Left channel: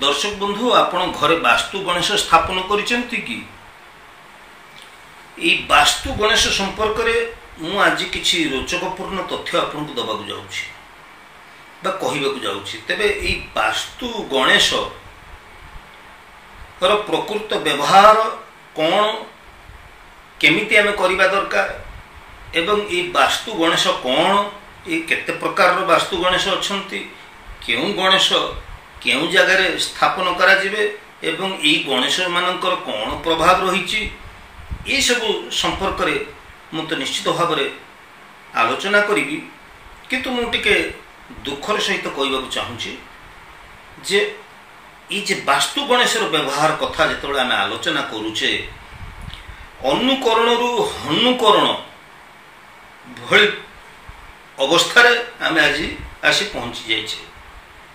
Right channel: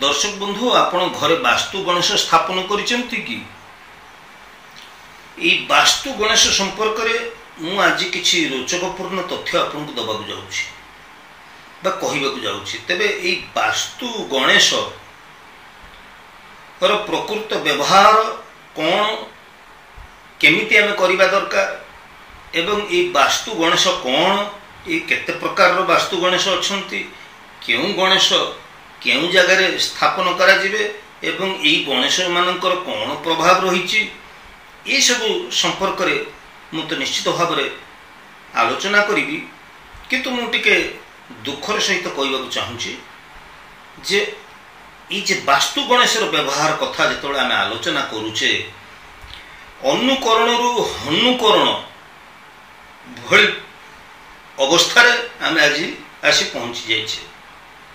दर्शक बंधु आपण घरे वास्तु गणेश स्थापन करिसेंती कि ए वास्तु गणेश संपर्क रे मु आज किछि रोचकपूर्ण तथ्य आपन को दबाक जाउछि बा कहिबाक जाउछि। तबे ए वास्तु गणेश पर प्रकृत व्यवहार कौन केमिति आमे करिबा दरकार एवं ए वास्तु गणेश कौन ए केते प्रकार रो वास्तु गणेश अछंती केउ गणेश केउ जगह स्थापन करा जिवे एवं ए गणेश मानकर कौन प्रभाव रही ये सब संपर्क रे मु तो निश्चित भाव में आलोचना करी किंतु मु टिके दुखर सहित कहवाक चाहूँगी जे ये जे वास्तु गणेश व्यवहार कथा जो आम आलोचना करुचे अनुकरण रु हनुकरण भली अवस्था आम आज आसी पहुँची जाइए।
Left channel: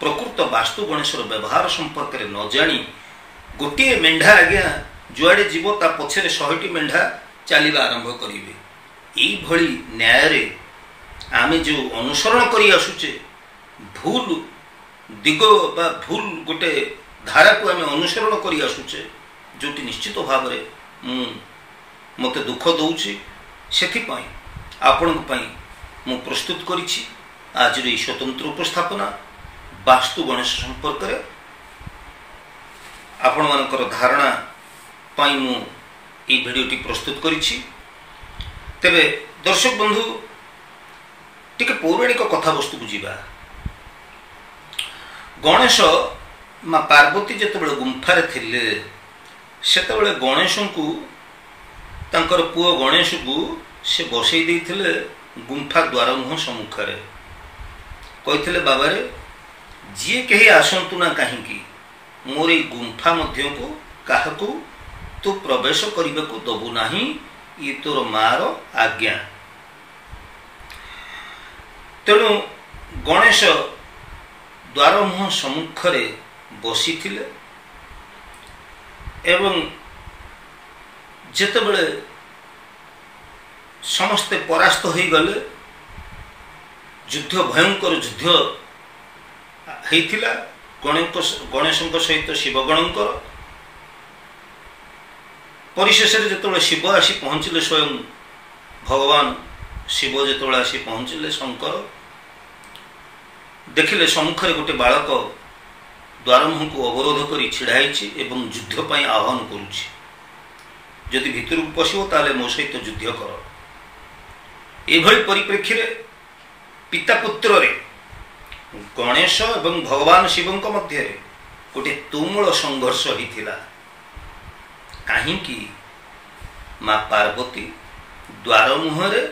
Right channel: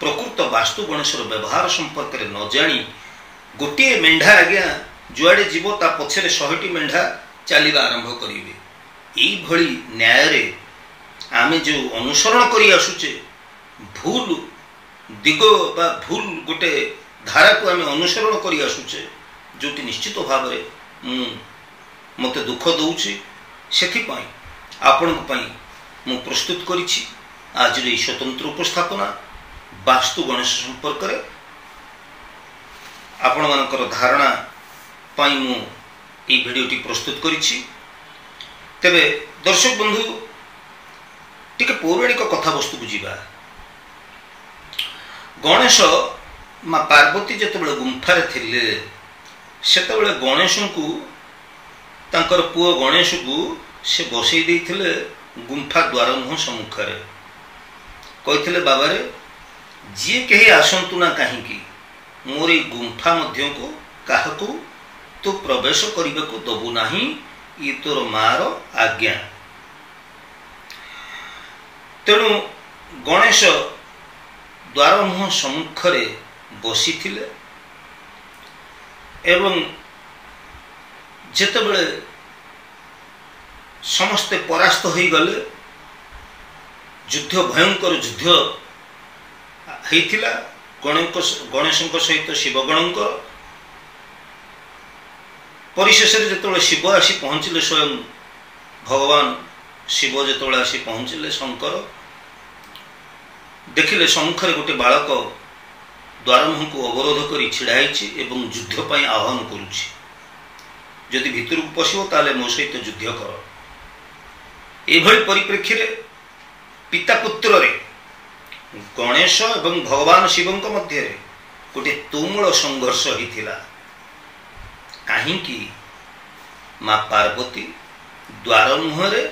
प्रकृत वास्तु गणेश व्यवहार संपर्क में न जानी गोटे मेढ़ा आज्ञा जुआड़े जीव ता पछरे 100टी मेढ़ा चलवा आरंभ करेंगे। यही न्याय रे आमे जो अनुसरण करी आसुचे भूल दिग बा भूल गोटे धारा को आमे अनुसरण करी आसुचे जोटी निश्चित भाव में मते दुख दौची सेथिपाई आपन मु प्रस्तुत करिछि आज रे स्वतंत्र उपस्थापना वास्तु गणेश संपर्क रे आपण मानकर धारणा पाई मु ई भिडियोटी प्रस्तुत करिछि। तेबे दर्शक बंधु टिके पौराणिक कथा वस्तु को जीवा। गणेश माँ पार्वती जेतेबेले गुंफारे थिले सेतेबेले गणेश को तांकर पुओ गणेश को से बसई देइथिले गुंफा द्वार मुह सम्मुख रे कहिथिले बाबा रे जी कहीं आसंतु ना कहीं मोर ए गुंफा मध्य को काहकू तू प्रवेश करने को दबू नहीं ये तोर मार आज्ञा। तेणु गणेश द्वार मुह सम्मुख रे बसी थिले एवं जेतेबेले समस्ते परास्त हो गले युद्ध भयंकर युद्ध होइथिला गणेश सहित शिवगणकर परिशेष जो शिव आसी पहुँचले स्वयं भगवान शिव जो आसी पहुँचले शंकर देखिले सम्मुखें गोटे बालक द्वार मुह को अवरोध कर छिड़ाई एवं युद्धपाई आह्वान करुछि जदि भितर को पशिबो ताले मो सहित युद्ध कर। एभली परिप्रेक्षी रे पिता पुत्र रे गणेश एवं भगवान शिव मध्य गोटे तुमुल संघर्ष होइथिला। कहीं माँ पार्वती द्वार मुहरे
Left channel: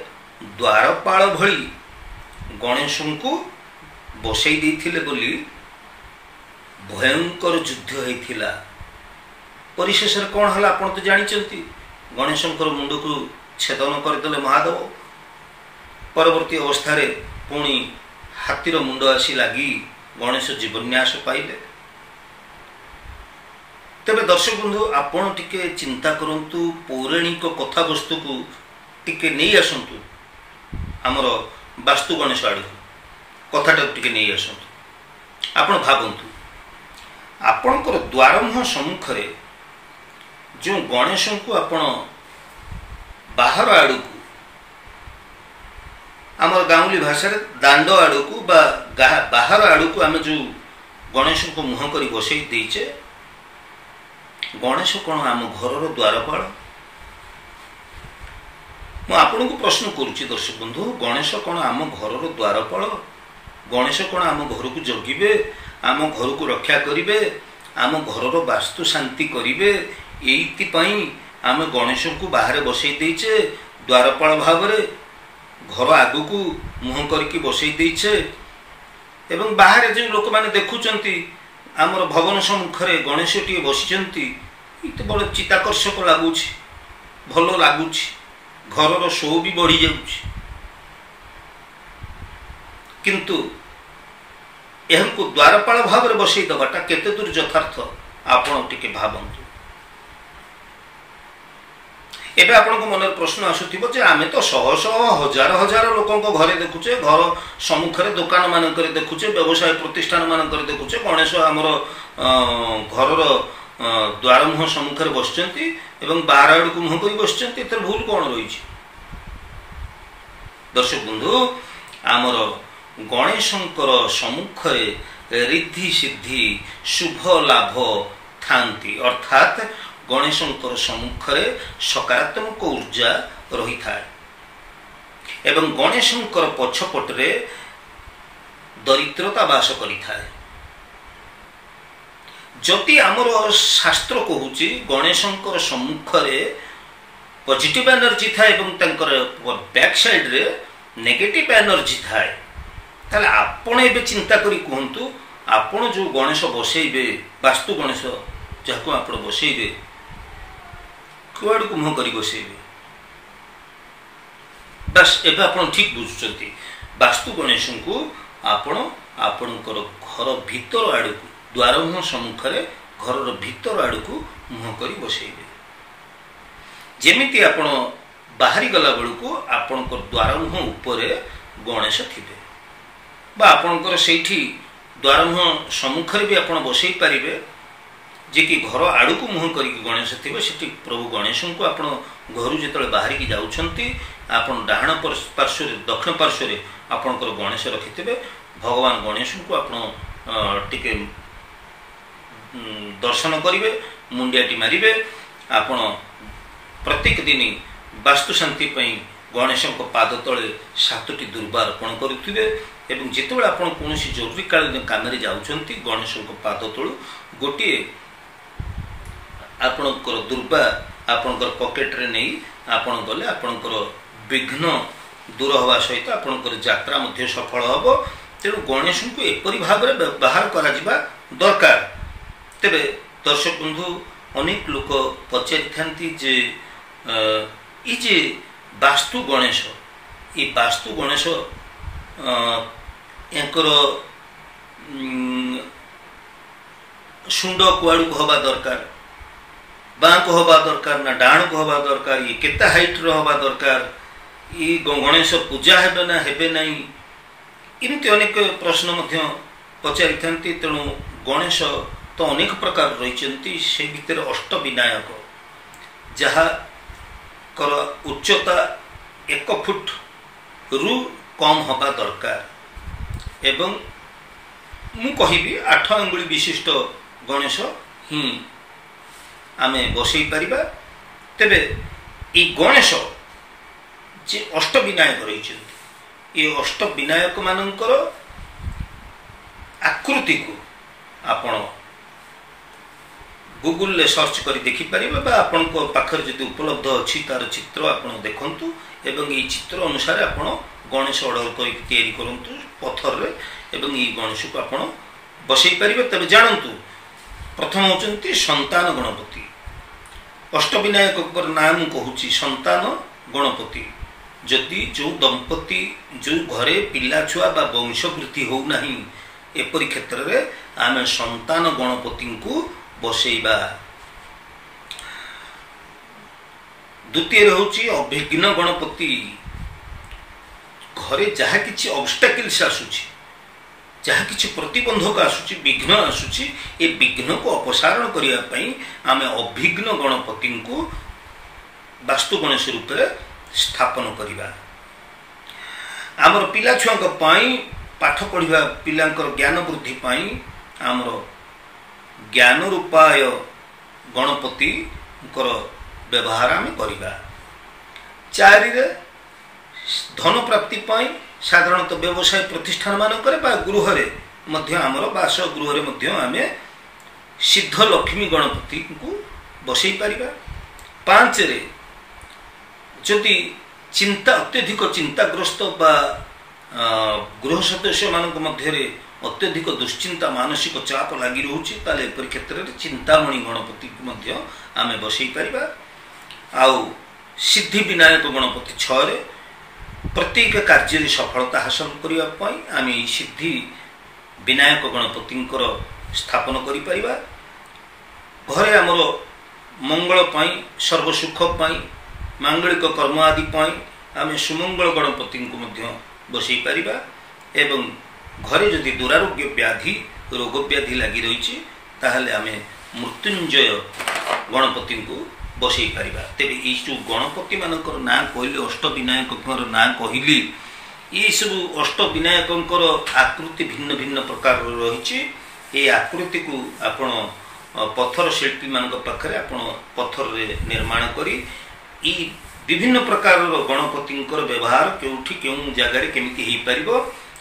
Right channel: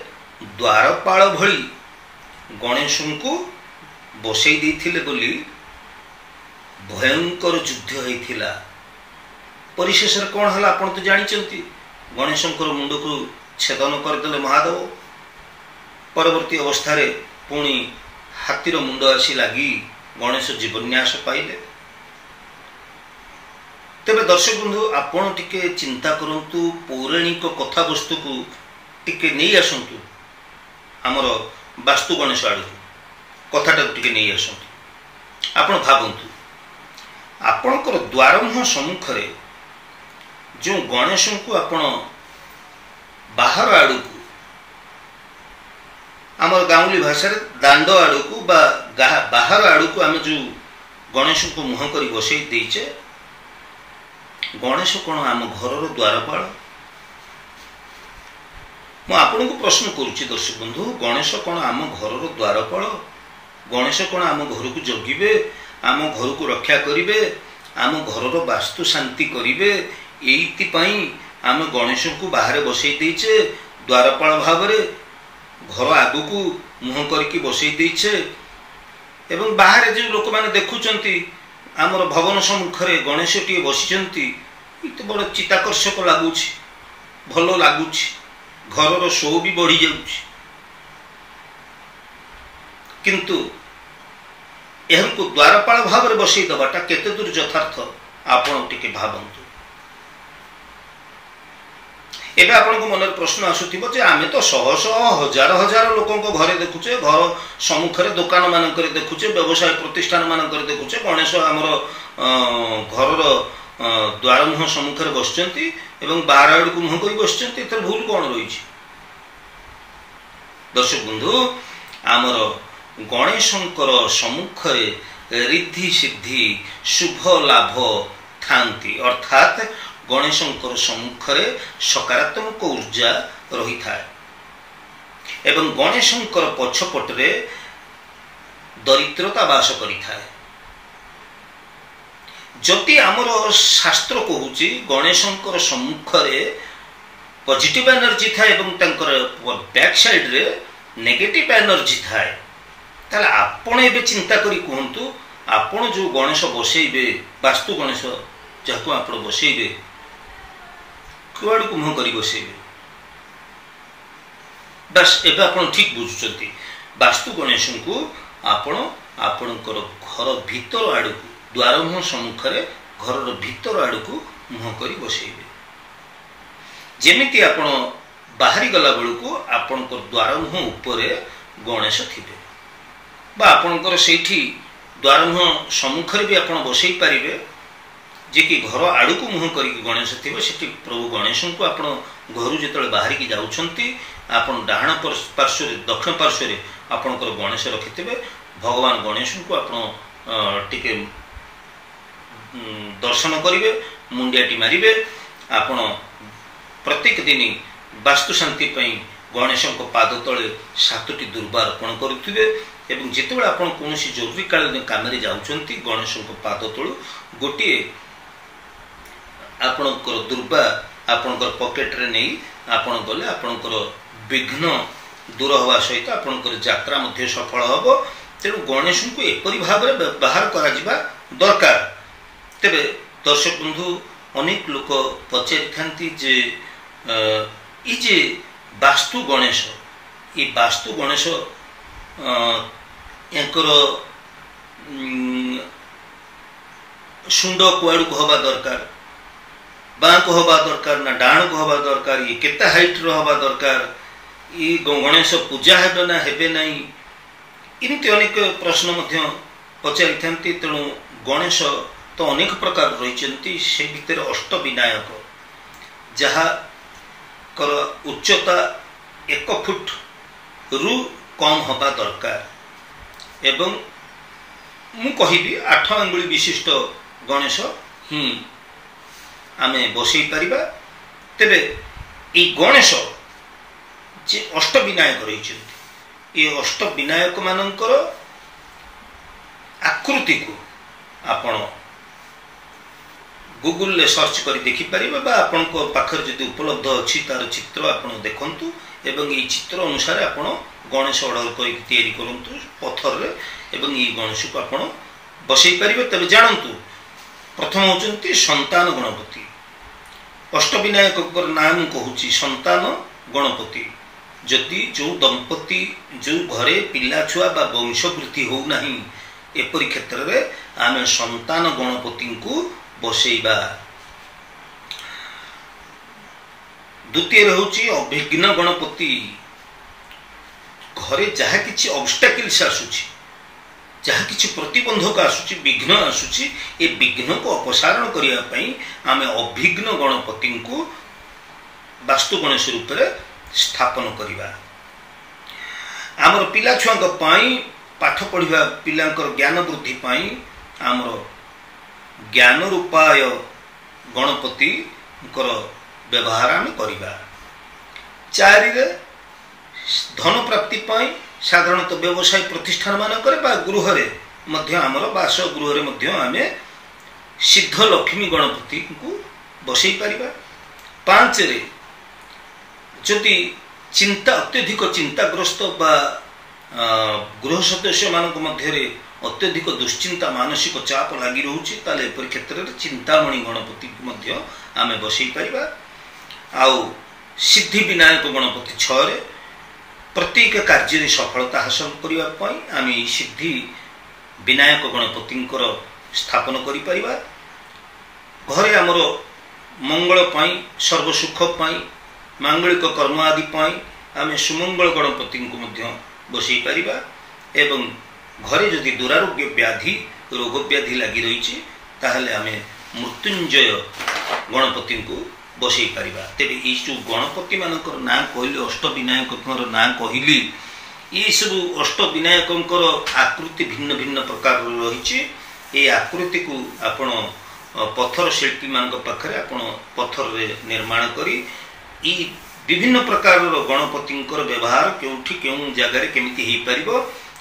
द्वारपाल भली गणेश को बसई देइथिले बोली भयंकर युद्ध होइथिला। परिशेष कौन है आप तो जानते गणेश मुंड को छेदन करदे महादेव परवर्ती अवस्था रे पुणी हाथीर मुंड आसी लगी गणेश जीवन्यास पाइले। तेरे दर्शक बंधु आपण टिके चिंता करंतु पौराणिक कथा वस्तु को टिके नहीं आसंतु आमर वास्तु गणेश आड़ कथाटा टिके नहीं आसंतु। आपण भावंतु आपणकर द्वार मुह सम्मुख रे जो गणेश को आपण बाहर आड़ को आमर गाँवली भाषा दांड आड़ को बाहर आड़ को आम जो गणेश को मुह कर बसई देचे गणेश कौन आम घर द्वारपाल मुझे प्रश्न करुच्ची दर्शक बंधु गणेश कौन आम घर द्वारपाल गणेश कौन आम घर को जगिबे आम घर को रक्षा करिवे आम घर वास्तु शांति करिवे एइतिपाई आम गणेश को बाहर बसई देचे द्वारपाल भाव रे घर आगु को मुह करके बसई देचे एवं बाहर जो लोक मैंने देखुंट आमर भवन सम्मुखें गणेश टी बसी तो बड़ चित्ताकर्षक लगुच भल लगुच घर शो भी बढ़ी जाऊँ किंतु यह द्वारपाल भाव में बसई दबाटा केते दूर यथार्थ आपण टिके भावंतु। एबे आपन को मनर प्रश्न आसुथिबो जे आमे तो शह शह हजार हजार लोकन को घरे देखुचे, घर सम्मुखरे दुकान मानकर देखुचे, व्यवसाय प्रतिष्ठान मानकर देखुचे गणेश हमर घरर द्वार मुह सम्मुखरे बसचंती एवं बाहर आड़ को मुह करी बसचंती। एतर भूल कोन रहिछि? दर्शक बंधु, आमर गणेशंकर सम्मुखरे रिद्धि सिद्धि शुभ लाभ थांती, अर्थात गणेशंकर सम्मुखरे सकारात्मक ऊर्जा रही थाए एवं गणेशंकर पछपटरे दरिद्रता वास करी थाए। जदि आमर शास्त्र कहूची गणेशंकर सम्मुखरे पॉजिटिव एनर्जी थाए एवं तंकर बैक साइड रे नेगेटिव एनर्जी थाए, ताले आपण एबे चिंता करी कहंतु आपण जो गणेश बसैबे, वास्तु गणेश जाको आपण बसैबे कुआड़ को मुह करी बसैबे। बस एबे आपण ठीक बुझुचंती, वास्तु गणेश को आपण आपणकर घर भीतर आड़ को द्वार मुह सम्मुखरे घर भीतर आड़ को मुह करी बसैबे। जेमिति आपण बाहरी गला बेलू आपणकर द्वार मुह उपरे गणेश थिबे बा आपणकर सेठी द्वार मुह सम्मुखरे भी आपण बसै पारिबे, जे कि घर आड़ को मुह करी गणेश थिबे। सेठी प्रभु गणेश को आपण घर जेतले बाहरी की जाउछंती आपण डाहाण पार्श्व दक्षिण पार्श्व आपणकर गणेश रखिथिबे। भगवान गणेश को आपण टिके दर्शन करिवे, मुंडियाटी मारिबे। आपण प्रत्येक दिन वास्तु शांति पई गणेश को पाद तले 7टी दुर्बा अर्पण करुथिबे एवं जेतेबेले आपण कोनोसी जरूरी कालीन काम रे जाउछंती गणेश को पाद तळु गोटे आपणकर दुर्बा आपणकर पॉकेट रे नै आपण गले आपणकर विघ्न दूर हवा सहित आपणकर यात्रा मध्ये सफल हबो। तेणु गणेश को एपरि भाव रे व्यवहार करा जिबा दरकार। तेबे दर्शक बंधु, अनेक लोक पचारि थांती जे ई जे वास्तु गणेश, ये वास्तु गणेश एंकर शुंड कुआड़ को हवा दरकार, बाँ को हवा दरकार ना डाण को हवा दरकार, ये केते हाइट रो हवा दरकार, ये गणेश पूजा हेबे ना हेबे नहीं, इमती अनेक प्रश्न मध्य पचारि थांती। तेणु गणेश तो अनेक प्रकार रहिचंती, से भितर अष्ट विनायक जहा कर उच्चता 1 फुट रु कम हवा दरकार एवं मु कहिबी 8 अंगुली विशिष्ट गणेश ही आमे बसई पारिबा। तेबे ई गणेश जे अष्ट विनायक रहिचंती, ये अष्ट विनायक मानकर आकृति को आपण गूगल ले सर्च करी देखि परिबे बा आपन को पाखर जदि उपलब्ध अछि तार चित्र आपण देखंतु एवं ई चित्र अनुसार आपण गणेश ऑर्डर करी तयारी करंतु पत्थर रे एवं ई गणेश को आपण बसई परिबे। तबे जानंतु प्रथम होचंती संतान गणपति। अष्टविनायक पर नाम कहूची संतान गणपति। जदि जो दंपति जो घरे पिला छुआ बा वंशवृद्धि हो नहीं एपरि क्षेत्र रे आमे संतान गणपति को बसैबा। द्वितीय होची अभिघ्न गणपति। घरे जहा किछि ऑब्स्टेकल्स आसुची, जहा किछि प्रतिबंधक आसुची, विघ्न आसुची, ए विघ्न को अपसारण करिया पई आमे अभिघ्न गणपति को वास्तु गणेश रूप रे स्थापन करिबा। आमर पिला छुआंक पई पाठ पढ़िबा पिलांकर ज्ञान वृद्धि पई आमर ज्ञान रूपाय गणपति व्यवहार आम करिबा। 4 रे धन प्राप्ति पाई साधारणतः व्यवसाय प्रतिष्ठान मानकर बा गृह रे मध्य आमर बास गृह रे मध्य आमे सिद्ध लक्ष्मी गणपति को बसई पारिबा। 5 रे जदि चिंता अत्यधिक चिंताग्रस्त बा गृह सदस्य मानक मध्य रे अत्यधिक दुश्चिंता मानसिक चाप लगी रोचे ताले एपरि क्षेत्र रे चिंतामणि गणपति मध्य आमे बसई पारिबा। आउ सिद्धि विनायक गणपति 6 रे प्रत्येक कार्य रे सफलता हासिल करिवा पई आमे सिद्धि विनायक गणपति स्थापन करि परिबा। घरे हमर मंगल पई सर्व सुख पई मांगलिक कर्म आदि आम सुमंगल गणपति को बसई पारिबा एवं घरे जदि दुरारोग्य व्याधि रोग व्याधि लगी रही ताहले आम मृत्युंजय गणपति को बसई पारिबा। तेरे ये जो गणपति मानकर ना कहली अष्टविनायक ना कहली ये सब अष्टविनायक आकृति भिन्न भिन्न प्रकार रही। ये आकृति को आपण पत्थर शिल्पी मान पाखे आपण पत्थर रे निर्माण करी विभिन्न प्रकार गणपति व्यवहार क्योंठी क्यों जगार केमिति हो पार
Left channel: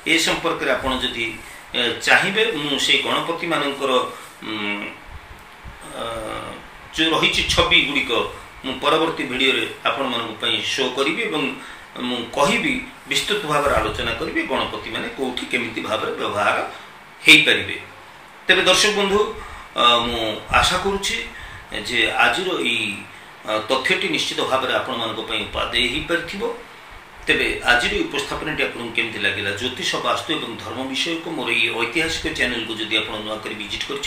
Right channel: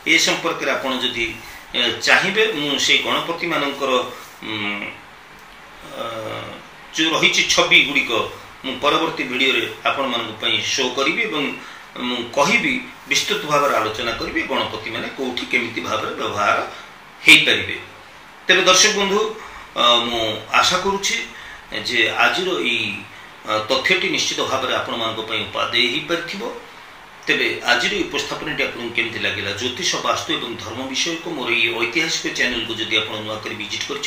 ए संपर्क में आपड़ जदि चाहिए मुझे गणपति मानकर जो रही छवि गुड़िक परवर्ती वीडियो रे आपण मानी शो करी कहि विस्तृत भाव आलोचना करी गणपति माने कोठी केमिति भाव व्यवहार हो पारे। तेरे दर्शक बंधु मु आशा करुछि जे आजिर ई तथ्यटी निश्चित भाव में आपण मान उपादेय हो पार। तेरे आज उपस्थापन आपको केमती लगे ज्योतिष वास्तु और धर्म विषय को मोर ये ऐतिहासिक चैनल को जब आप नुआक विजिट कर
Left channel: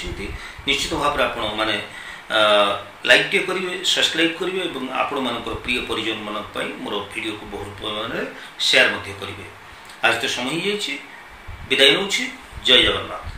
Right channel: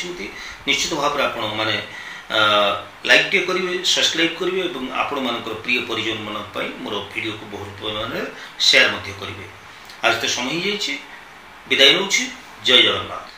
निश्चित भाव में आपण मैंने लाइक टे करेंगे सब्सक्राइब करेंगे और आपण मान प्रिय परिजन मान मोर वीडियो को बहुत परिमाण शेयर करेंगे। आज तो समय हो जाए विदाय नौ। जय जगन्नाथ।